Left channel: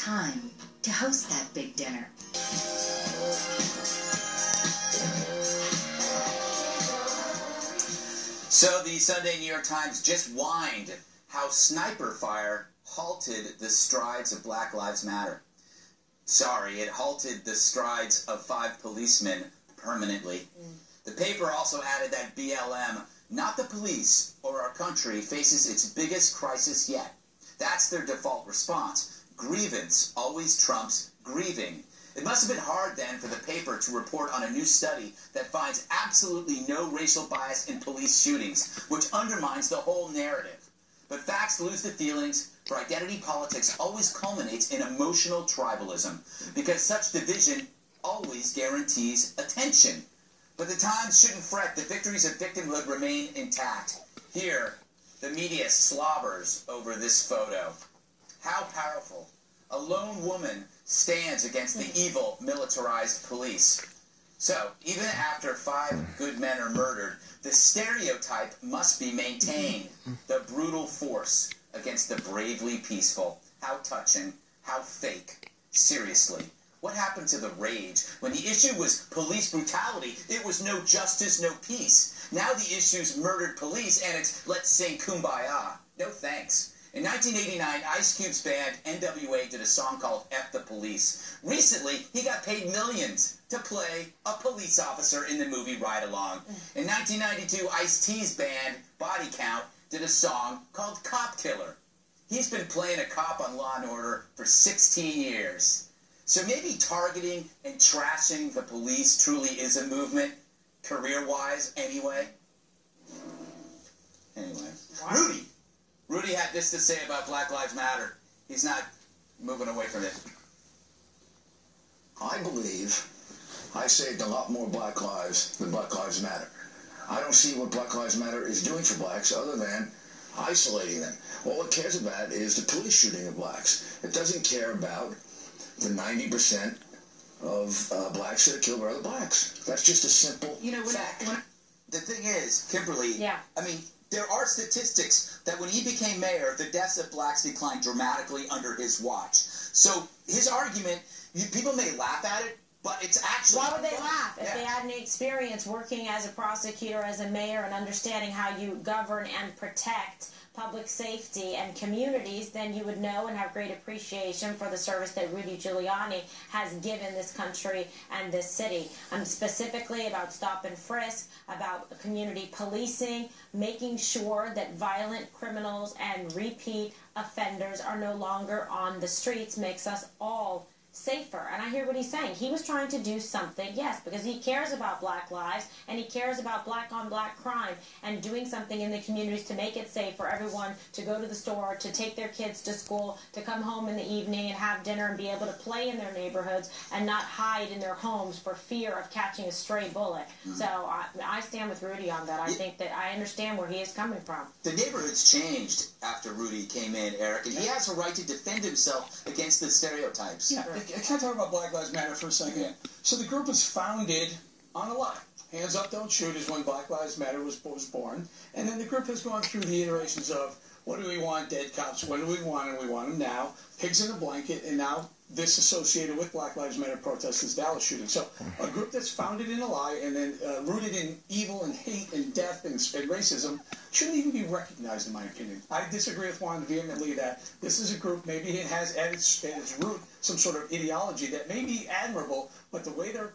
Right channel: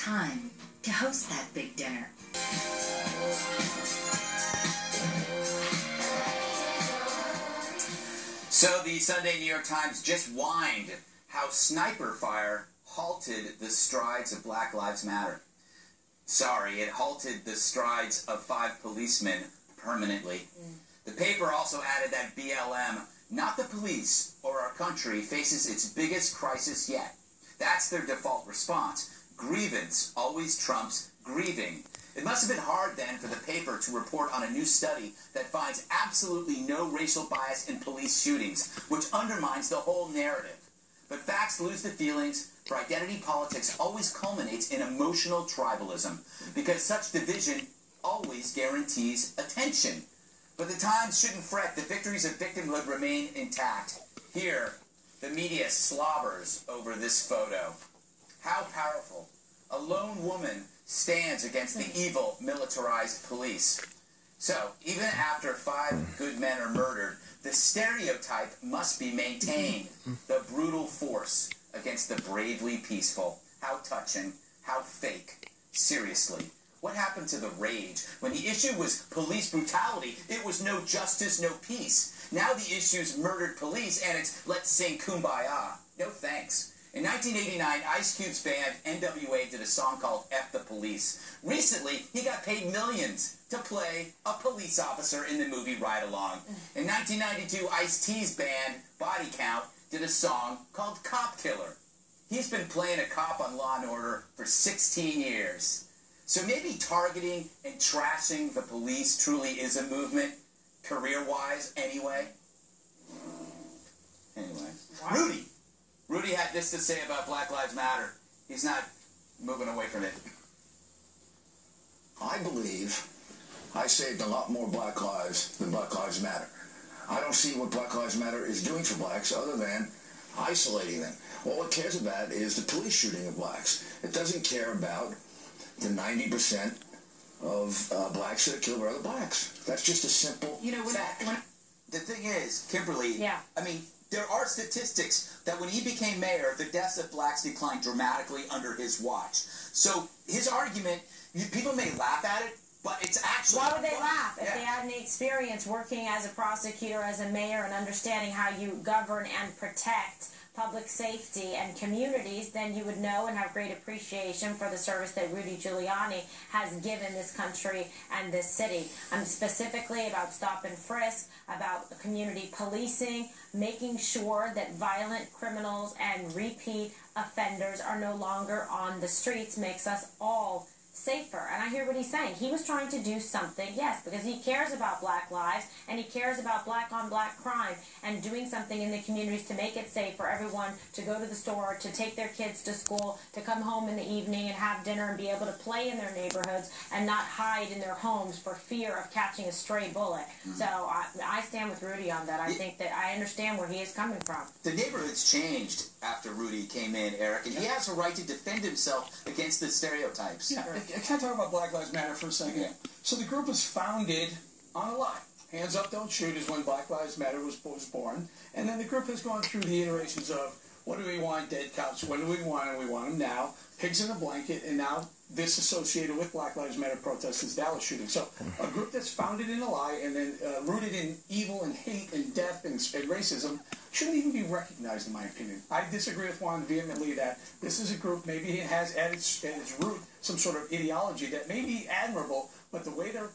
time to host that big dinner. So the Sunday New York Times just whined how sniper fire halted the strides of Black Lives Matter. Sorry, it halted the strides of 5 policemen permanently. The paper also added that BLM, not the police or our country, faces its biggest crisis yet. That's their default response. Grievance always trumps grieving. It must have been hard then for the paper to report on a new study that finds absolutely no racial bias in police shootings, which undermines the whole narrative. But facts lose the feelings, for identity politics always culminates in emotional tribalism, because such division always guarantees attention. But the Times shouldn't fret. The victories of victimhood remain intact. Here, the media slobbers over this photo. How powerful. A lone woman stands against the evil, militarized police. So, even after 5 good men are murdered, the stereotype must be maintained. The brutal force against the bravely peaceful. How touching. How fake. Seriously. What happened to the rage? When the issue was police brutality, it was no justice, no peace. Now the issue's murdered police, and it's let's sing Kumbaya. No thanks. In 1989, Ice Cube's band NWA did a song called F the Police. Recently, he got paid millions to play a police officer in the movie Ride Along. In 1992, Ice-T's band Body Count did a song called Cop Killer. He's been playing a cop on Law & Order for 16 years. So maybe targeting and trashing the police truly is a movement, career-wise anyway. Anyway. Wow. Rudy had this to say about Black Lives Matter. He's not moving away from it. I believe I saved a lot more black lives than Black Lives Matter. I don't see what Black Lives Matter is doing for blacks other than isolating them. All it cares about is the police shooting of blacks. It doesn't care about the 90% of blacks that are killed by other blacks. That's just a simple fact. The thing is, Kimberly, I mean, there are statistics that when he became mayor, the deaths of blacks declined dramatically under his watch. So his argument, people may laugh at it, but it's actually... Why would they laugh? If they had any experience working as a prosecutor, as a mayor, and understanding how you govern and protect public safety and communities, then you would know and have great appreciation for the service that Rudy Giuliani has given this country and this city. Specifically about stop and frisk, about community policing, making sure that violent criminals and repeat offenders are no longer on the streets makes us all safer. And I hear what he's saying. He was trying to do something, yes, because he cares about black lives and he cares about black-on-black crime and doing something in the communities to make it safe for everyone to go to the store, to take their kids to school, to come home in the evening and have dinner and be able to play in their neighborhoods and not hide in their homes for fear of catching a stray bullet. So I stand with Rudy on that. I think that I understand where he is coming from. The neighborhood's changed after Rudy came in, Eric, and he has a right to defend himself against the stereotypes. Yeah. Can I talk about Black Lives Matter for a second? Yeah. So the group was founded on a lie. Hands Up, Don't Shoot is when Black Lives Matter was born. And then the group has gone through the iterations of what do we want, dead cops, what do we want, and we want them now, pigs in a blanket, and now this associated with Black Lives Matter protests is Dallas shooting. So a group that's founded in a lie and then rooted in evil and hate and death and racism shouldn't even be recognized, in my opinion. I disagree with Juan vehemently that this is a group, maybe it has at its root some sort of ideology that may be admirable, but the way they're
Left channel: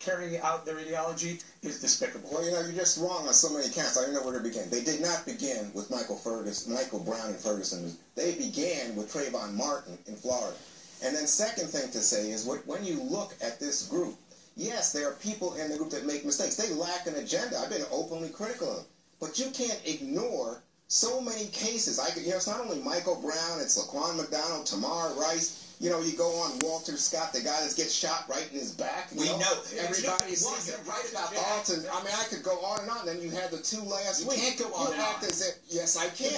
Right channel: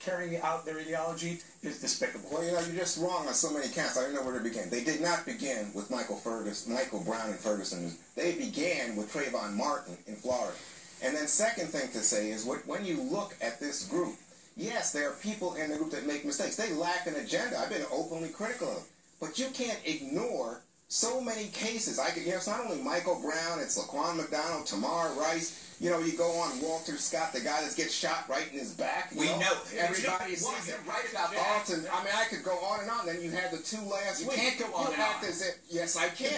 carrying out their ideology is despicable. Well, you're just wrong on so many counts. I don't know where they began. They did not begin with Michael Brown in Ferguson. They began with Trayvon Martin in Florida. And then second thing to say is when you look at this group, yes, there are people in the group that make mistakes. They lack an agenda. I've been openly critical of them. But you can't ignore so many cases. It's not only Michael Brown, it's Laquan McDonald, Tamar Rice. You go on Walter Scott, the guy that gets shot right in his back. We know. Everybody sees it. Right about Dalton. I mean, I could go on and on. Then you had the 2 last week. You can't go on and on. Yes, I can.